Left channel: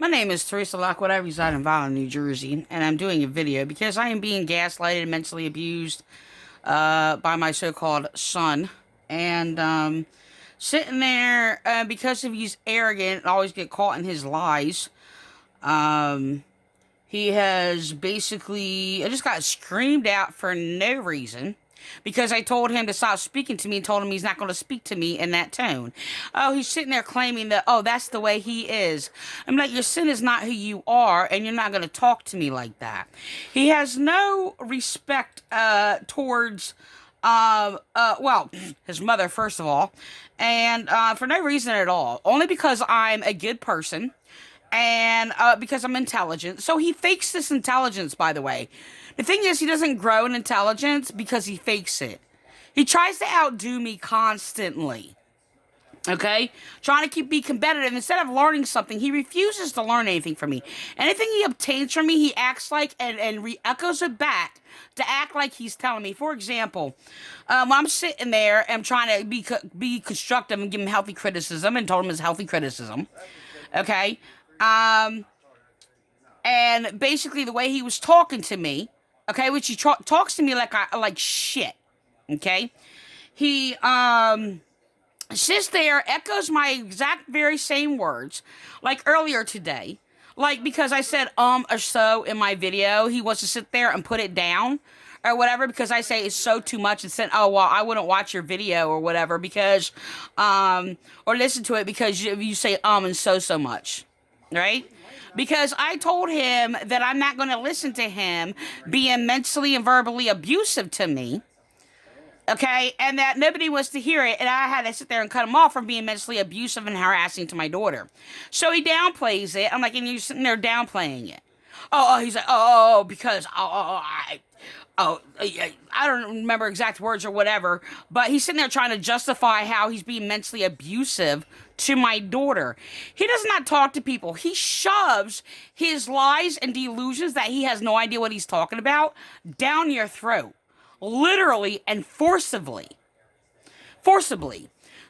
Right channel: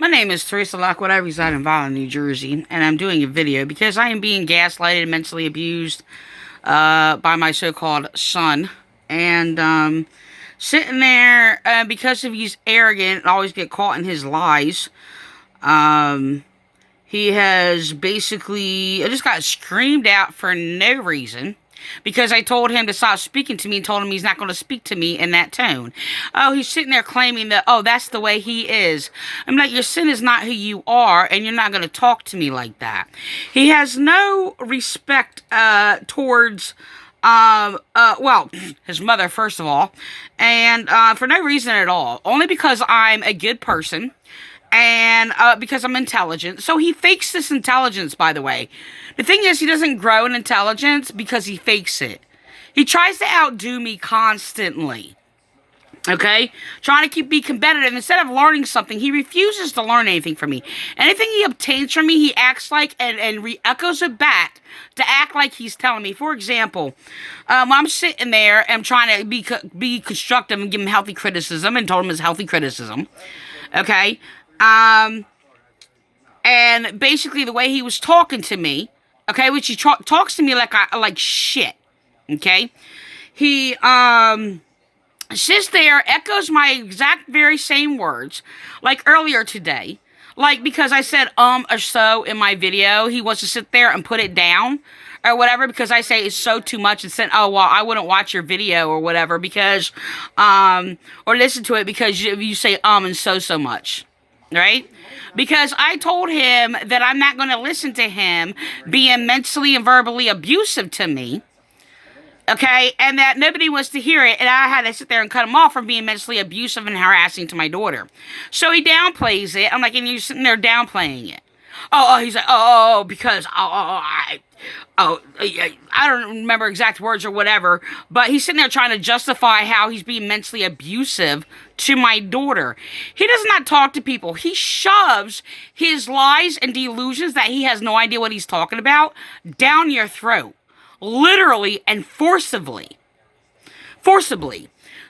My name is Teresa Lockwood. I reside in Vineland, New Jersey, and I'm doing a video because I am being gaslighted and mentally abused by my so-called son. And sitting there because of he's arrogant and always get caught in his lies. Um, he has basically, I just got screamed out for no reason because I told him to stop speaking to me and told him he's not going to speak to me in that tone. Oh, he's sitting there claiming that, oh, that's the way he is. I'm like, your sin is not who you are, and you're not going to talk to me like that. He has no respect towards well, his mother, first of all, and for no reason at all. Only because I'm a good person and because I'm intelligent. So he fakes this intelligence, by the way. The thing is, he doesn't grow in intelligence because he fakes it. He tries to outdo me constantly. Okay? Trying to be competitive. Instead of learning something, he refuses to learn anything from me. Anything he obtains from me, he acts like and re-echoes it back to act like he's telling me. For example, when I'm sitting there and I'm trying to be constructive and give him healthy criticism and told him it's healthy criticism. Okay? And basically the way he was talking to me, okay, which he talks to me like shit, okay? He sits there, echoes my exact very same words, like earlier today, like because I said or so in my video, he wants to sit there and put it down or whatever because I say it's so too much and said, oh, well, I wouldn't watch your video or whatever because, or listen to it because you say and so much, right? Because I told him that I'm not going to listen to him being mentally and verbally abusive to me. Okay, and that nobody was to hear it, and I had to sit there and cut him off from being mentally abusive and harassing to my daughter. So he downplays it. I'm like, and you're sitting there downplaying it. He's like, because, I don't remember exact words or whatever, but he's sitting there trying to justify how he's being mentally abusive to my daughter. He does not talk to people. He shoves his lies and delusions that he has no idea what he's talking about down your throat. Literally and forcibly.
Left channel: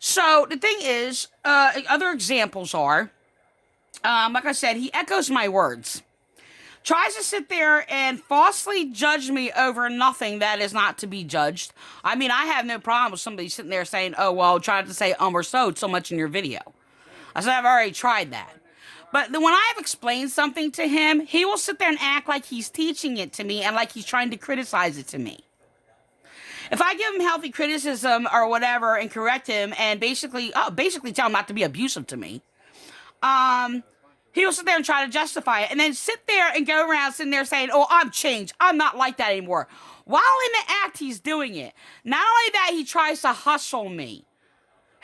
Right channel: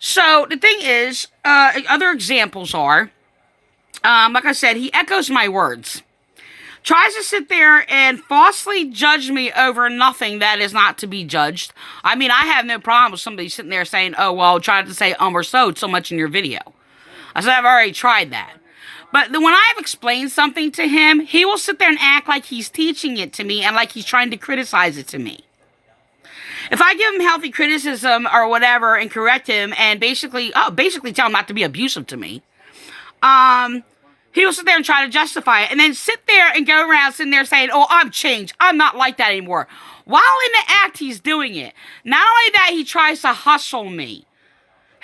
So the thing is, other examples are, like I said, he echoes my words. Tries to sit there and falsely judge me over nothing that is not to be judged. I mean, I have no problem with somebody sitting there saying, oh, well, trying to say or so much in your video. I said, I've already tried that. But when I've explained something to him, he will sit there and act like he's teaching it to me and like he's trying to criticize it to me. If I give him healthy criticism or whatever and correct him and basically tell him not to be abusive to me, he will sit there and try to justify it and then sit there and go around sitting there saying, oh, I'm changed. I'm not like that anymore. While in the act, he's doing it. Not only that, he tries to hustle me.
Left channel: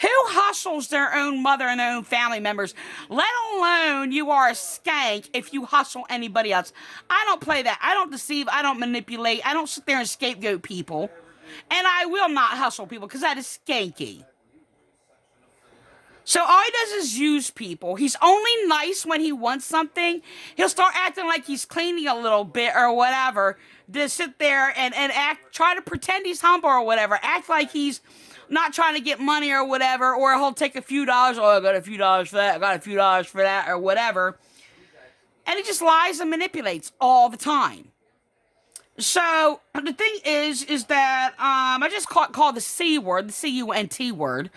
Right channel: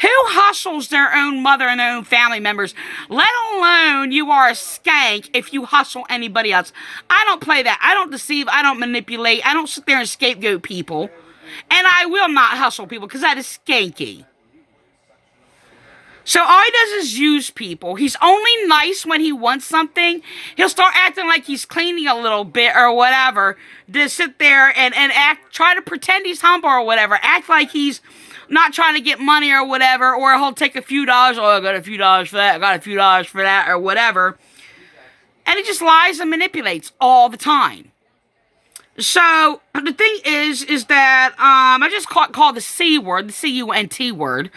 Who hustles their own mother and their own family members, let alone you are a skank if you hustle anybody else? I don't play that. I don't deceive. I don't manipulate. I don't sit there and scapegoat people. And I will not hustle people because that is skanky. So all he does is use people. He's only nice when he wants something. He'll start acting like he's cleaning a little bit or whatever. Just sit there and try to pretend he's humble or whatever. Act like he's not trying to get money or whatever. Or he'll take a few dollars. Oh, I got a few dollars for that. I got a few dollars for that or whatever. And he just lies and manipulates all the time. So the thing is that I just called the C word, the C-U-N-T word.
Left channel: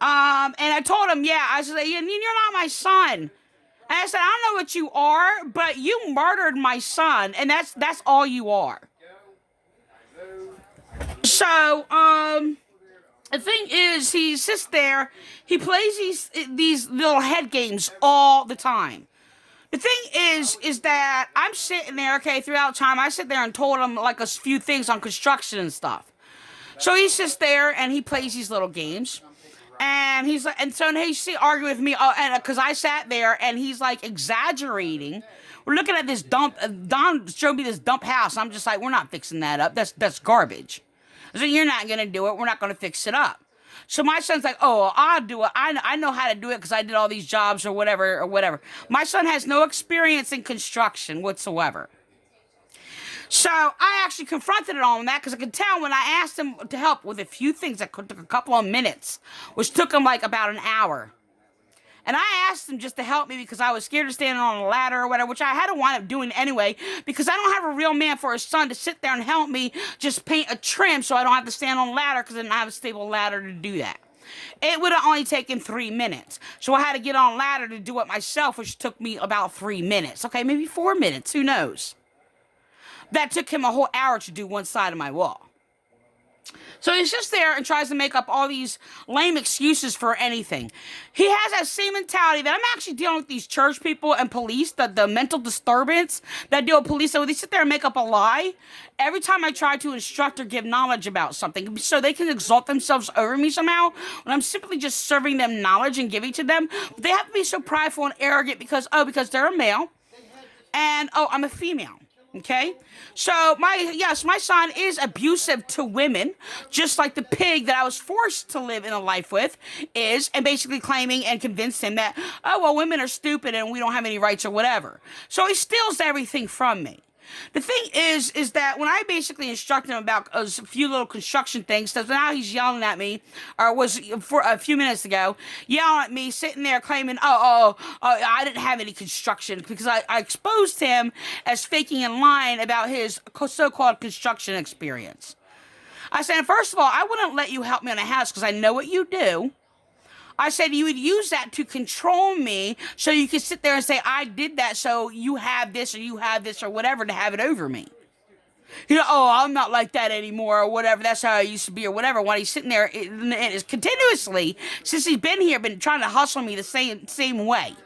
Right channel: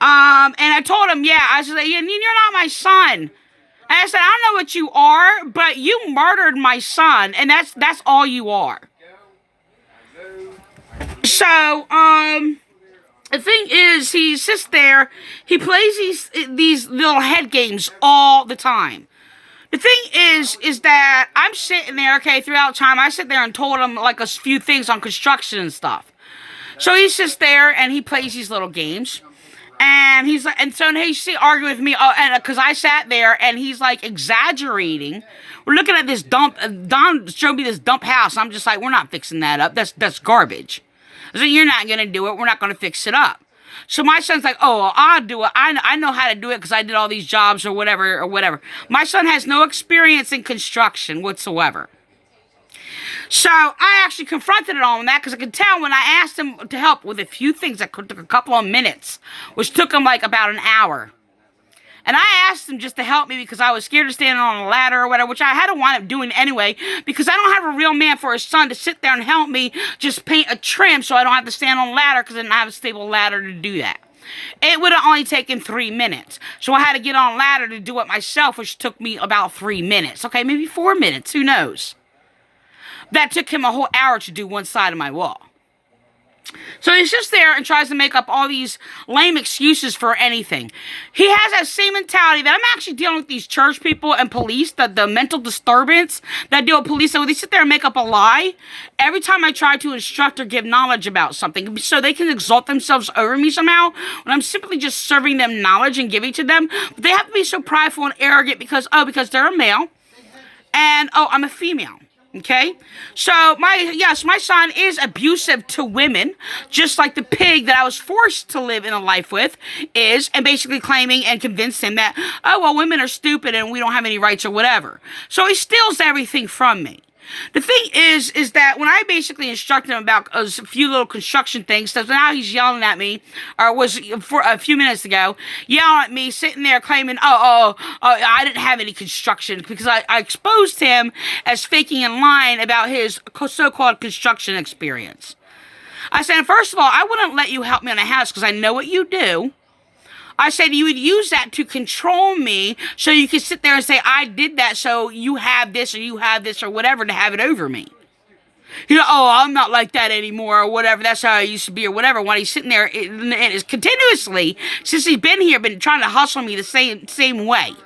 And I told him, I said, you're not my son. And I said, I don't know what you are, but you murdered my son, and that's all you are. So, the thing is, he sits there, he plays these little head games all the time. The thing is that I'm sitting there, okay, throughout time, I sit there and told him like a few things on construction and stuff. So he sits there and he plays these little games. And he's like, and so he's arguing with me, and because I sat there and he's like exaggerating. We're looking at this dump. Don showed me this dump house. I'm just like, we're not fixing that up. That's garbage. I said, you're not gonna do it. We're not gonna fix it up. So my son's like, oh, I'll do it. I know how to do it because I did all these jobs or whatever. My son has no experience in construction whatsoever. So I actually confronted it on that because I could tell when I asked him to help with a few things that took a couple of minutes, which took him like about an hour. And I asked him just to help me because I was scared of standing on a ladder or whatever, which I had to wind up doing anyway, because I don't have a real man for a son to sit there and help me just paint a trim so I don't have to stand on a ladder because I didn't have a stable ladder to do that. It would have only taken 3 minutes. So I had to get on a ladder to do it myself, which took me about 3 minutes. Okay, maybe 4 minutes. Who knows? That took him a whole hour to do one side of my wall. So he sits there and tries to make up all these lame excuses for anything. He has that same mentality that I'm actually dealing with these church people and police, the mental disturbance that deal with police. So they sit there and make up a lie every time I try to instruct or give knowledge about something so they can exalt themselves over me somehow when I'm simply just serving them knowledge and giving to them. But they have to be so prideful and arrogant because they're a male and, I'm a female. Okay, so my son is abusive to women, just like the pig that I was forced to live in a life with is, and basically claiming and convinced him that, women are stupid and we don't have any rights or whatever. So he steals everything from me. The thing is that when I basically instructed him about a few little construction things, so now he's yelling at me, or was for a few minutes ago, yelling at me, sitting there claiming, I didn't have any construction, because I exposed him as faking and lying about his so-called construction experience. I said, first of all, I wouldn't let you help me on a house because I know what you do. I said you would use that to control me so you could sit there and say, I did that so you have this or whatever to have it over me. I'm not like that anymore or whatever. That's how I used to be or whatever. While he's sitting there and is continuously, since he's been here, been trying to hustle me the same way.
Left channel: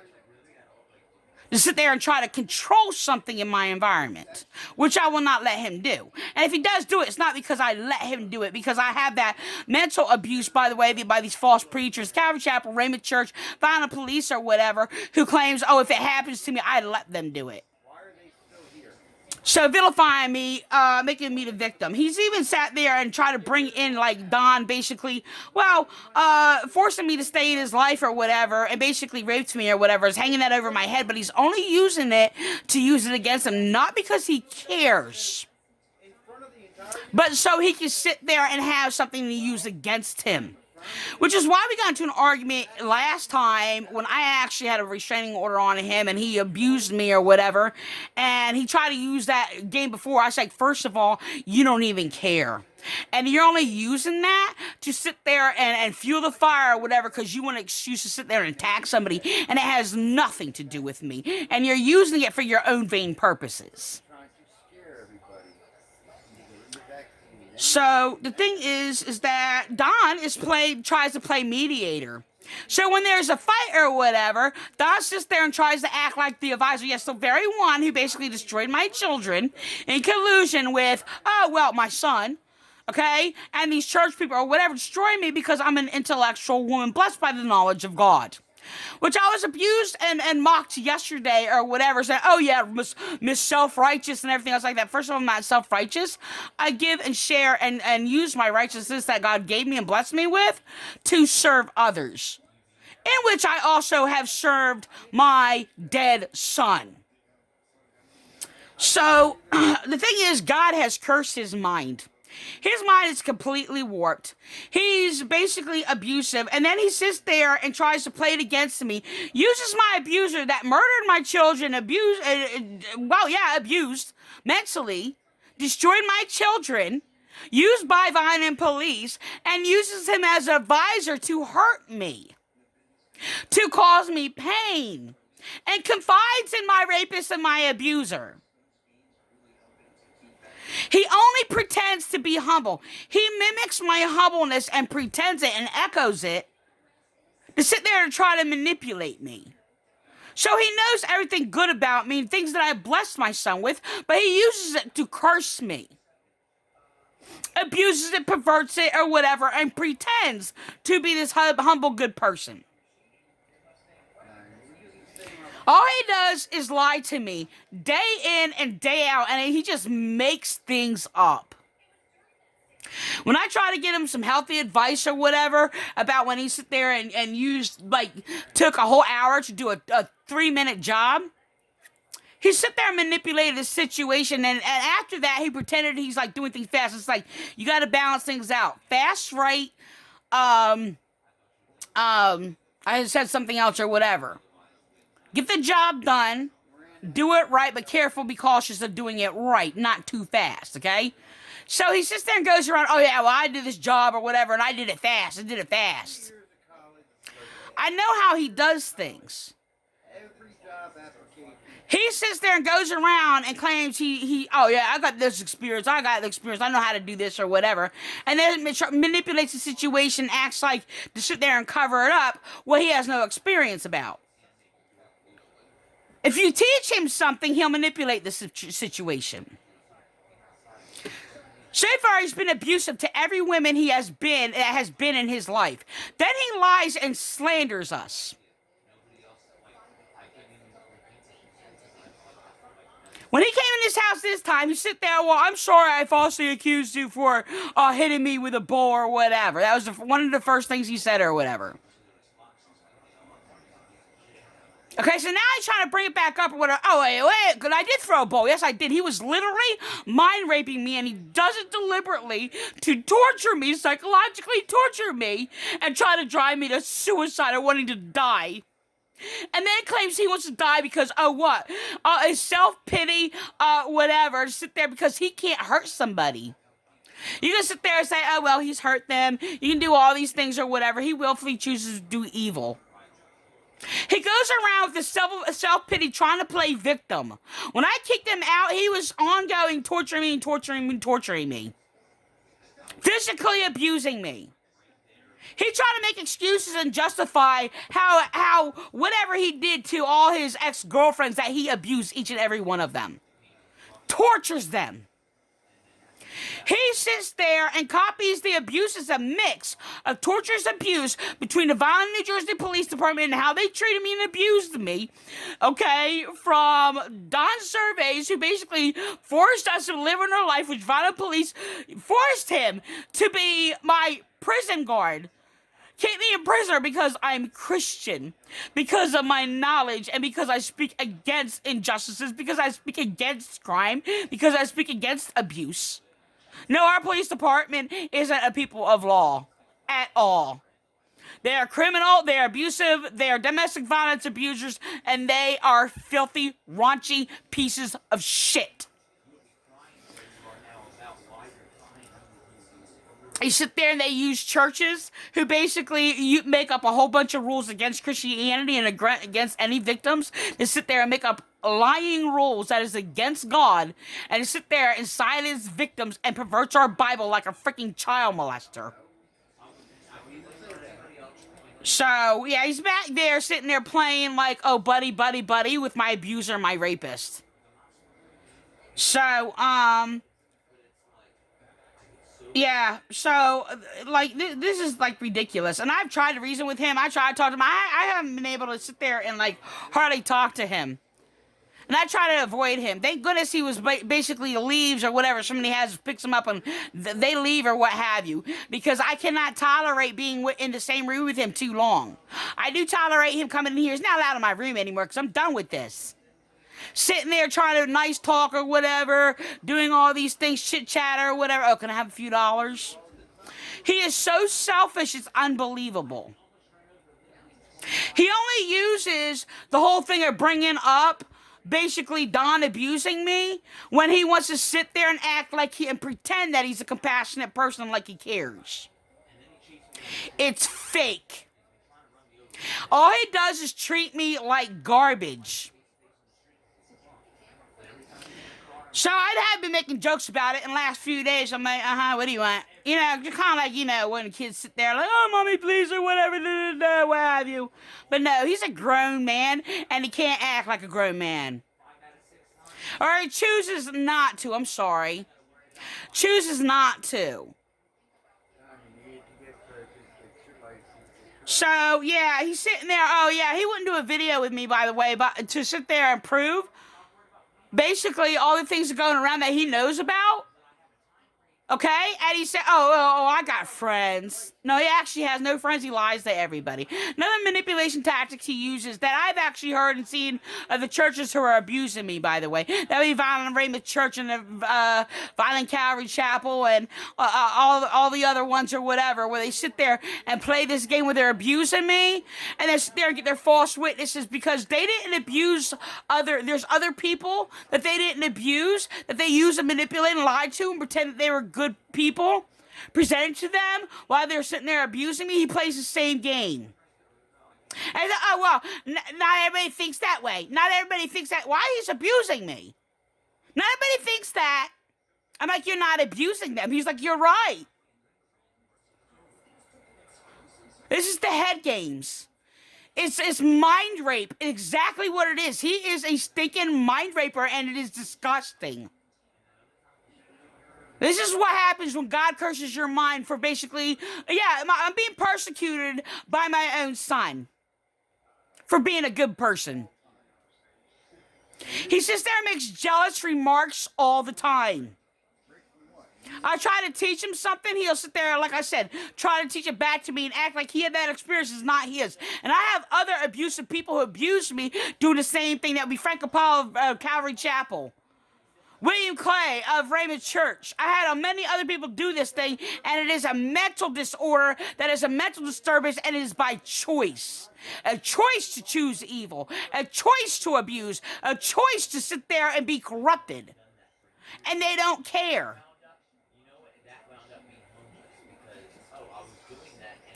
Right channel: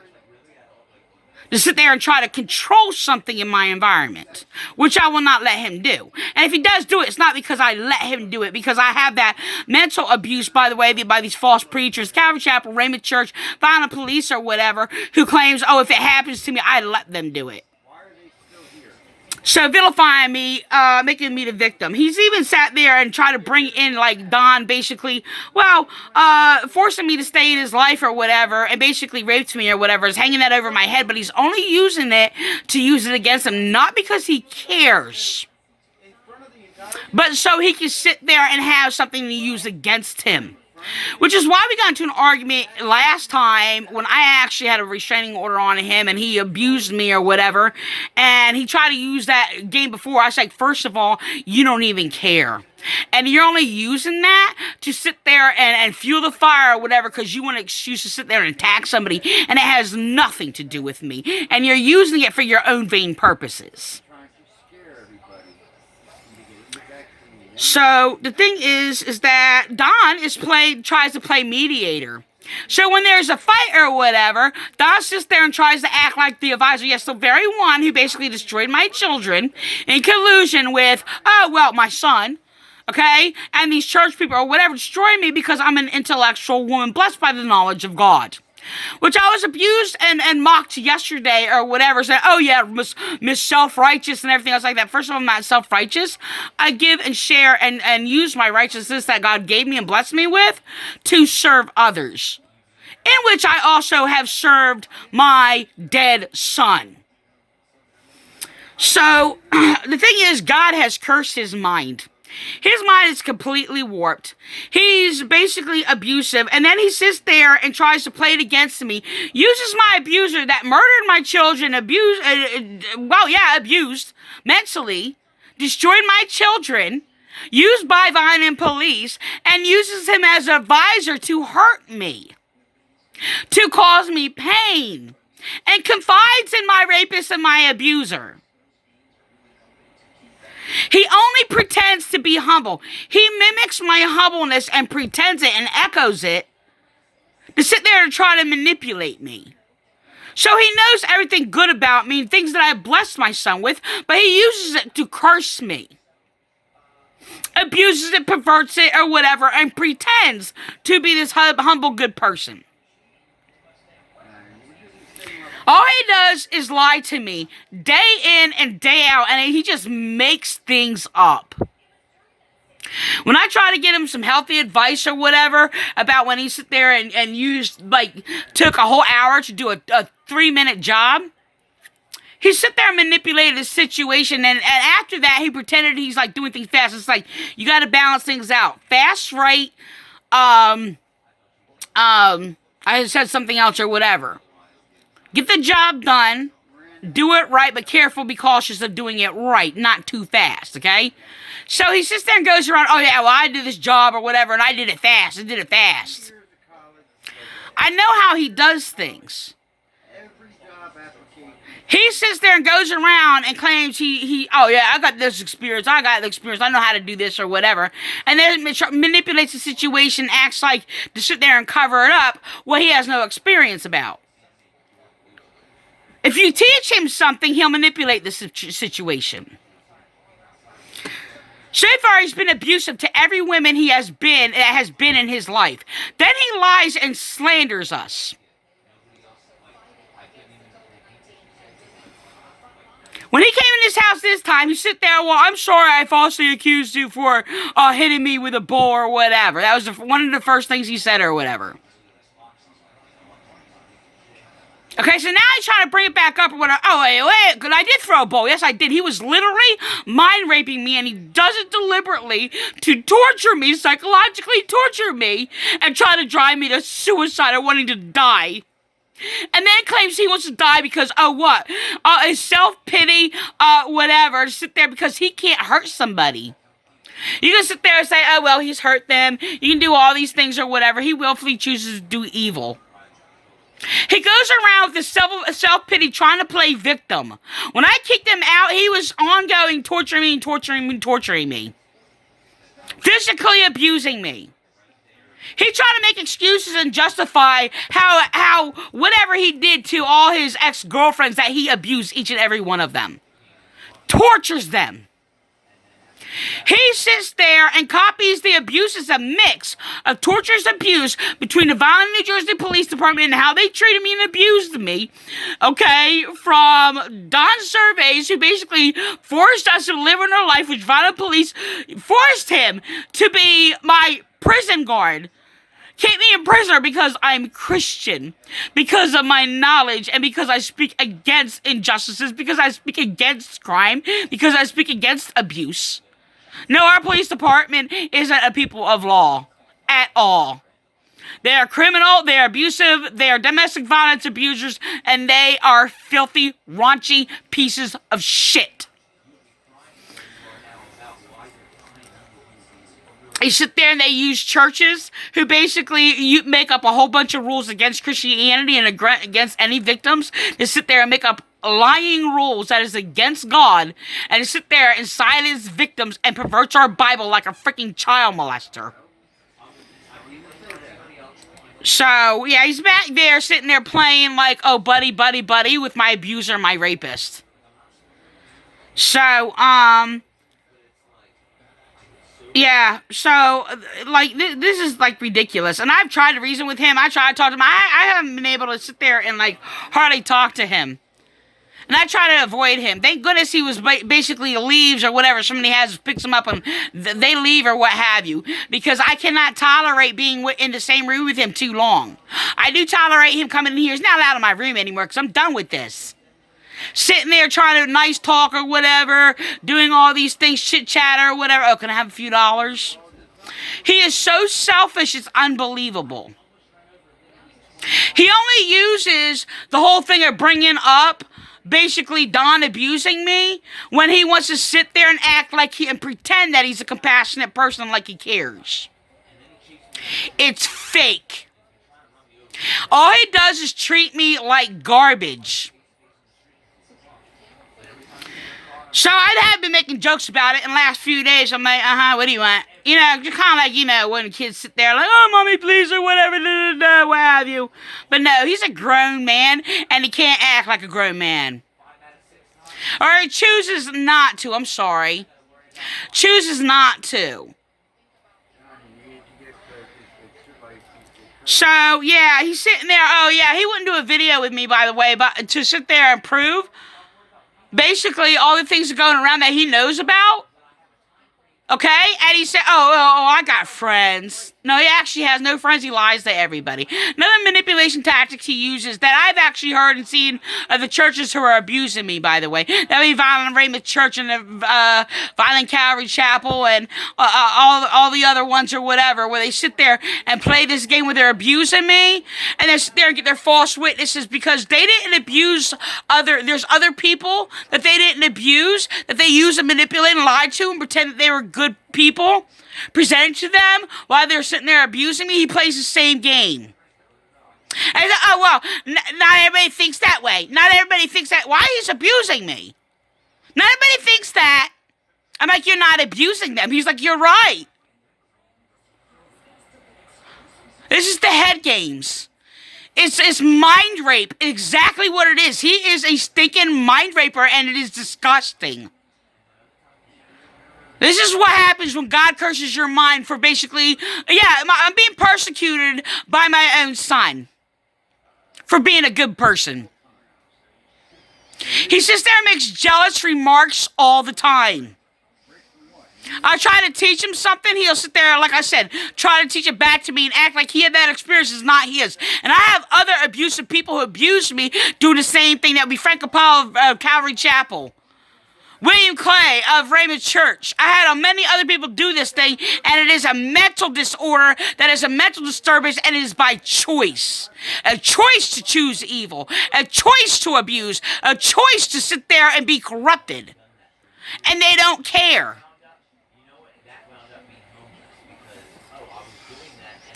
To sit there and try to control something in my environment, which I will not let him do. And if he does do it, it's not because I let him do it, because I have that mental abuse, by the way, by these false preachers, Calvary Chapel, Raymond Church, Vineland police or whatever, who claims, if it happens to me, I let them do it. So vilifying me, making me the victim. He's even sat there and tried to bring in like Don, basically, forcing me to stay in his life or whatever, and basically raped me or whatever, is hanging that over my head, but he's only using it to use it against him, not because he cares, but so he can sit there and have something to use against him. Which is why we got into an argument last time when I actually had a restraining order on him and he abused me or whatever. And he tried to use that game before. I said, first of all, you don't even care. And you're only using that to sit there and fuel the fire or whatever because you want an excuse to sit there and attack somebody. And it has nothing to do with me. And you're using it for your own vain purposes. So the thing is that Don tries to play mediator. So when there's a fight or whatever, Don sits there and tries to act like the advisor. Yes, the very one who basically destroyed my children in collusion with, my son, okay, and these church people or whatever destroy me because I'm an intellectual woman blessed by the knowledge of God. Which I was abused and mocked yesterday or whatever, saying, Miss Self-Righteous and everything else like that. First of all, I'm not self-righteous. I give and share and use my righteousness that God gave me and blessed me with to serve others. In which I also have served my dead son. So, the thing is, God has cursed his mind. His mind is completely warped. He's basically abusive. And then he sits there and tries to play it against me. Uses my abuser that murdered my children, abused mentally, destroyed my children, used by Vineland police, and uses him as an advisor to hurt me, to cause me pain, and confides in my rapist and my abuser. He only pretends to be humble. He mimics my humbleness and pretends it and echoes it to sit there and try to manipulate me. So he knows everything good about me, things that I blessed my son with, but he uses it to curse me. Abuses it, perverts it, or whatever, and pretends to be this humble, good person. All he does is lie to me day in and day out, and he just makes things up. When I try to get him some healthy advice or whatever about when he sit there and took a whole hour to do a 3-minute job, he sit there and manipulated the situation, and after that, he pretended he's like doing things fast. It's like, you got to balance things out. Fast, right? I I said something else or whatever. Get the job done. Do it right, but careful, be cautious of doing it right, not too fast, okay? So he sits there and goes around, oh yeah, well, I did this job or whatever, and I did it fast. I know how he does things. He sits there and goes around and claims oh yeah, I got this experience, I know how to do this or whatever. And then manipulates the situation, acts like to sit there and cover it up what he has no experience about. If you teach him something, he'll manipulate the situation. So far, he's been abusive to every woman that has been in his life. Then he lies and slanders us. When he came in this house this time, he sit there, well, I'm sorry I falsely accused you for hitting me with a bull or whatever. That was one of the first things he said or whatever. Okay, so now he's trying to bring it back up or whatever. Oh, wait, because I did throw a bowl. Yes, I did. He was literally mind raping me, and he does it deliberately to torture me, psychologically torture me, and try to drive me to suicide or wanting to die. And then claims he wants to die because, what? His self-pity, whatever, to sit there because he can't hurt somebody. You can sit there and say, oh, well, he's hurt them. You can do all these things or whatever. He willfully chooses to do evil. He goes around with this self-pity trying to play victim. When I kicked him out, he was ongoing torturing me. Physically abusing me. He tried to make excuses and justify how whatever he did to all his ex-girlfriends that he abused each and every one of them. Tortures them. He sits there and copies the abuse as a mix of torturous abuse between the Vineland, New Jersey Police Department and how they treated me and abused me, okay, from Don Surveys, who basically forced us to live in our life, which Vineland Police forced him to be my prison guard. Keep me in prison because I'm Christian, because of my knowledge, and because I speak against injustices, because I speak against crime, because I speak against abuse. No, our police department isn't a people of law at all. They are criminal, they are abusive, they are domestic violence abusers, and they are filthy, raunchy pieces of shit. They sit there and they use churches who basically make up a whole bunch of rules against Christianity and against any victims. They sit there and make up lying rules that is against God, and sit there and silence victims and perverts our Bible like a freaking child molester. So, yeah, he's back there sitting there playing like, oh, buddy, buddy, buddy, with my abuser, my rapist. So, yeah, so, like, this is, like, ridiculous. And I've tried to reason with him. I tried to talk to him. I haven't been able to sit there and, like, hardly talk to him. And I try to avoid him. Thank goodness he was basically leaves or whatever. Somebody picks him up and they leave or what have you. Because I cannot tolerate being in the same room with him too long. I do tolerate him coming in here. He's not allowed in my room anymore because I'm done with this. Sitting there trying to nice talk or whatever. Doing all these things, chit chat or whatever. Oh, can I have a few dollars? He is so selfish, it's unbelievable. He only uses the whole thing of bringing up basically Don abusing me when he wants to sit there and act like and pretend that he's a compassionate person like he cares. It's fake. All he does is treat me like garbage. So I have been making jokes about it in the last few days. I'm like, what do you want? You know, kind of like, when kids sit there like, oh, mommy, please, or whatever, what have you. But no, he's a grown man, and he can't act like a grown man. Or he chooses not to, I'm sorry. Chooses not to. So, yeah, he's sitting there. Oh, yeah, he wouldn't do a video with me, by the way, but to sit there and prove basically all the things that are going around that he knows about. Okay? And he said, oh, I got friends. No, he actually has no friends. He lies to everybody. Another manipulation tactics he uses that I've actually heard and seen of the churches who are abusing me, by the way. That would be Vineland Raymond Church and the Vineland Calvary Chapel and all the other ones or whatever, where they sit there and play this game where they're abusing me, and they sit there and get their false witnesses because they didn't abuse there's other people that they didn't abuse, that they use and manipulate and lie to and pretend that they were good people, presented to them while they're sitting there abusing me. He plays the same game. And oh, well, not everybody thinks that way. Not everybody thinks that. Why he's abusing me? Not everybody thinks that. I'm like, you're not abusing them. He's like, you're right. This is the head games. It's mind rape. Exactly what it is. He is a stinking mind raper, and it is disgusting. This is what happens when God curses your mind for basically, I'm being persecuted by my own son for being a good person. He sits there and makes jealous remarks all the time. I try to teach him something, he'll sit there, like I said, try to teach it back to me and act like he had that experience is not his. And I have other abusive people who abuse me doing the same thing. That would be Frank Capel of Calvary Chapel. William Clay of Raymond Church. I had many other people do this thing, and it is a mental disorder, that is a mental disturbance, and it is by choice. A choice to choose evil, a choice to abuse, a choice to sit there and be corrupted. And they don't care.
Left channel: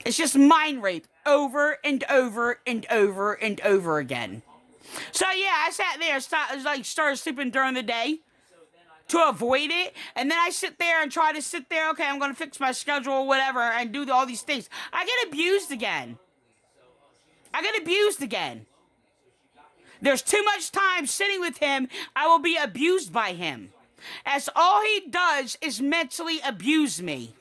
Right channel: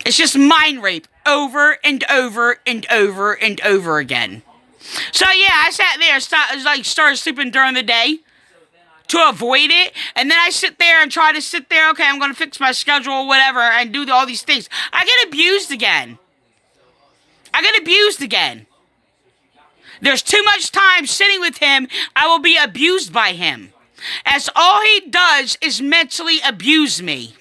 It's just mind rape over and over and over and over again. So yeah, I sat there, started sleeping during the day to avoid it, and then I sit there and try to sit there, okay, I'm going to fix my schedule or whatever, and do all these things. I get abused again. There's too much time sitting with him, I will be abused by him. As all he does is mentally abuse me.